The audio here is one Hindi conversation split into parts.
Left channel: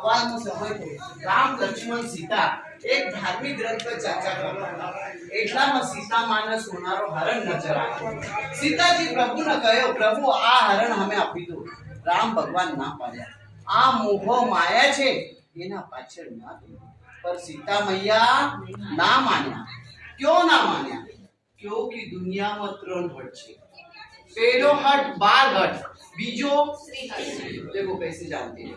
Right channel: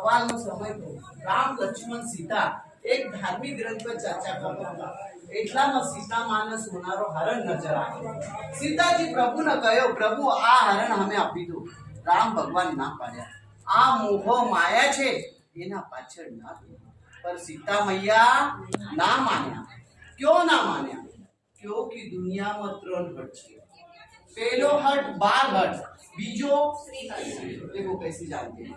સવારનો સમય થયો. રામ લક્ષ્મણ સીતા એક ધાર્મિક ગ્રંથ પર ચર્ચા કરતા હતા. એટલામાં સીતા માને સોનારો હરણ નજર આવ્યો. સીતાજી પ્રભુને કહ્યું, પ્રભુ આ હરણ અમે આપી દો. રામ ભગવાન ના પાડ્યા. આ મોહ માયા છે, એના પાછળ ના દે. पर सीता मैया ना मान्या. क्यों ना मान्या? क्योंकि दुनिया में 3 हट छे. पहलो हट बाल हट, बीजो देखो कैसे जानते हैं.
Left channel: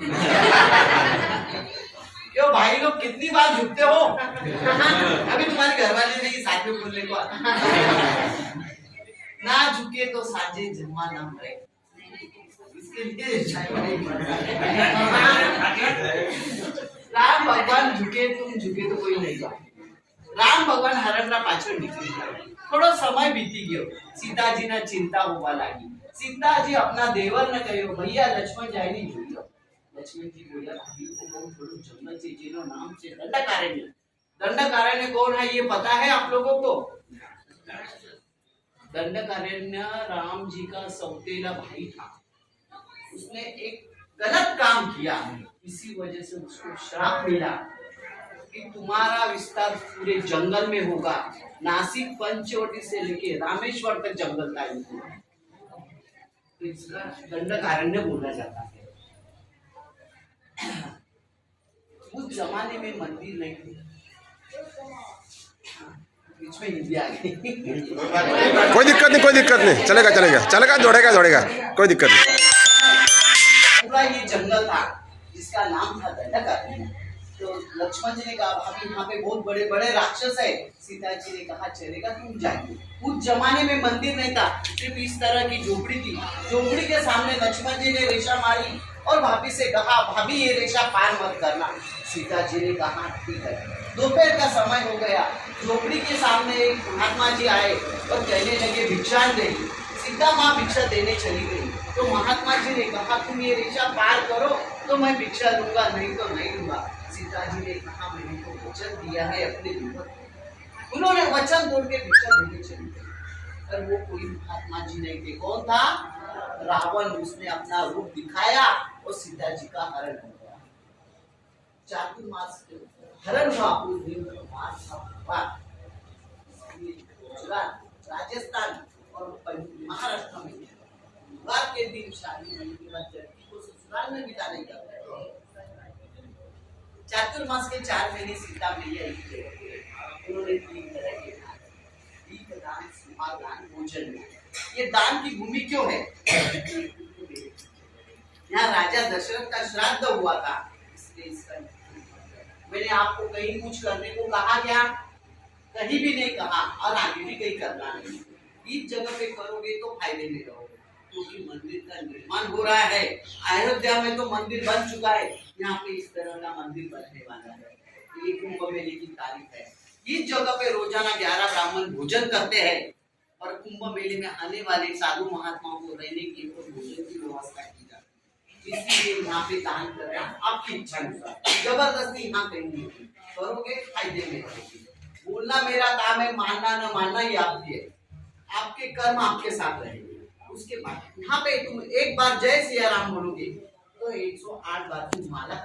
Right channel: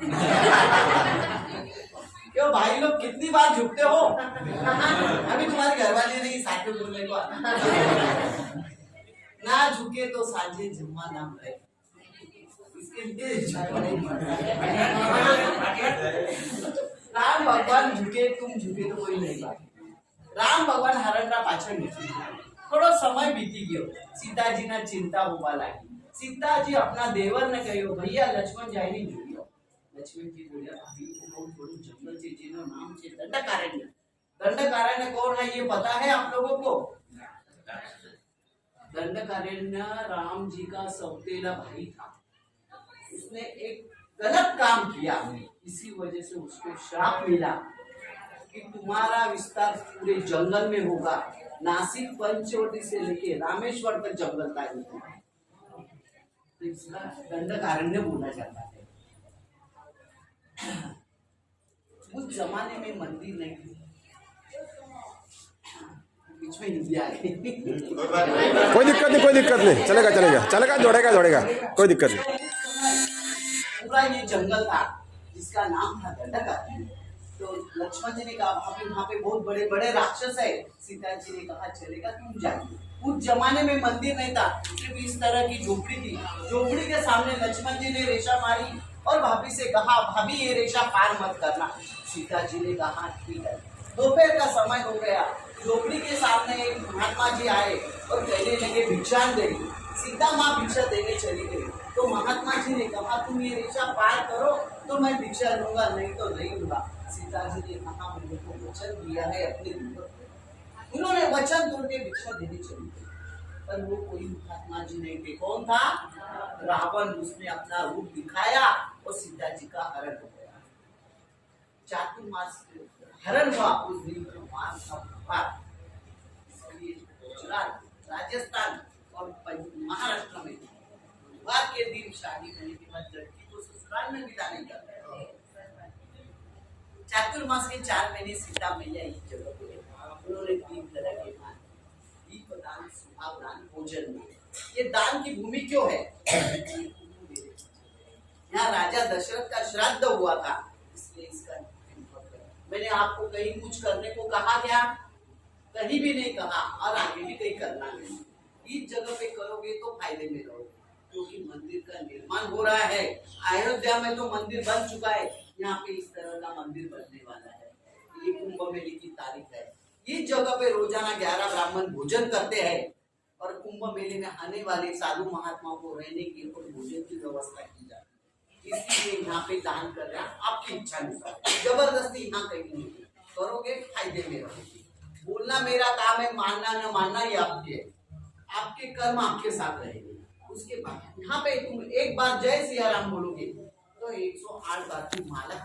क्यों भाई लोग कितनी बार झुकते हो? अभी तुम्हारे घर वाले नहीं साथ में बोलने को ना झुके तो साजे जन्मा ना रहे. इसके लिए राम भगवान झुके तुम झुके तो कोई नहीं बात. राम भगवान हरणना पाछળ નીકળી ગયા. થોડો સમય बीती ગયો. सीताजी ने चिंता होवा लागी. सीताजी अपना देवर ने કહ્યું, भैया लक्ष्मण जायनी જોઈ લો. लक्ष्मण जी बोला, भाभी को बहुत थोड़ा जंगल से जिनो नाम से दंडकारण्य. दंडकारण्य कौन है ये पता है आप लोगों को? दंडकारण्य राम जी का सौतेला भाई था. उसने एक गलत काम किया, इसी वजह से उसको श्राप मिला कि तुम्हारा विस्तार पूरे जंगल में होगा. नासिक पंचवटी से लेके रामेश्वर तक जंगल का होगा. तो इसका दंडकारण्य बोला जाता है. उस जमाने में मंदिर नहीं थे. बीच में हिंदी आ गई. कोई दिक्कत नहीं, चलेगा दौड़ेगा, कोई दिक्कत नहीं. पूरा ये जंगल था जिसका नाम था दंडकारण्य. तो लक्ष्मण जी ने कहा, भाभी यहाँ पे बहुत बड़े बड़े राक्षस है. सीता जी ने कहा, चलेगा तुम जाइए. उस जमाने में मंदिर नहीं था, सिर्फ इस तरह की झोपड़ी थी. झोपड़ी के सामने लक्ष्मण जी ने रेशा मारी और भाभी से कहा, भाभी ये रेशा पार मत करना. सीता जी ने कहा, ठीक है. दोपहर का समय हो गया. झोपड़ी के सामने एक महात्मा जी आए और कहने लगे, भिक्षा दे. सीता माँ भिक्षा देने चली गई. तो महात्मा जी ने कहा, तुम ये रेशा पार करो तो मैं भिक्षा लूंगा, नहीं तो नहीं लूंगा. सीता जी ने कहा, मैंने तो वचन दिया है अपने देवर को. उन्होंने वचन तोड़ के भिक्षा देने चली गई. पर वो कोई महात्मा जी नहीं थे. कौन था? रावण. उसने अपना रूप दिखाया और सीता जी का हरण हो गया. चातुर्मास हरण हुआ उस दिन मास का त्योहार. इसलिए गुजरात, राजस्थान और महाराष्ट्र में त्योहार के दिन शादी होने के बाद लड़की को ससुराल में विदा नहीं करते. चातुर्मास के 4 महीने सीता मैया एक जगह पे उन्होंने 3 तरह के दान, दीपदान, सुहागदान, भोजन में. ये दान की भूमि क्यों है? यहाँ राजा दशरथ का श्राद्ध हुआ था, इसलिए इसका. मैंने आपको कहीं कुछ करने को कहा क्या? कहीं भी नहीं कहा और आगे भी कहीं करना नहीं. इस जगह पे करोगे तो फायदे में रहोगे, क्योंकि मंदिर का निर्माण हो रहा है. अयोध्या में तो मंदिर बन चुका है, यहाँ पे इस तरह का मंदिर बनने वाला है. ये कुंभ मेले की तारीख है. इस जगह पे रोजाना 11 ब्राह्मण भोजन करते हैं और कुंभ मेले में आने वाले साधु महात्माओं को रहने की और भोजन की व्यवस्था की जाती है. इसलिए यहाँ पे दान कर रहे हैं आपकी इच्छा अनुसार. जबरदस्ती यहाँ कहीं नहीं करोगे, फायदे में रहोगे. बोलना मेरा काम है, मानना न मानना ये आपके है. आपके कर्म आपके साथ रहेंगे. उसके बाद यहाँ पे तुम एक बार जय सिया राम बोलोगे तो 108 बार तुम माला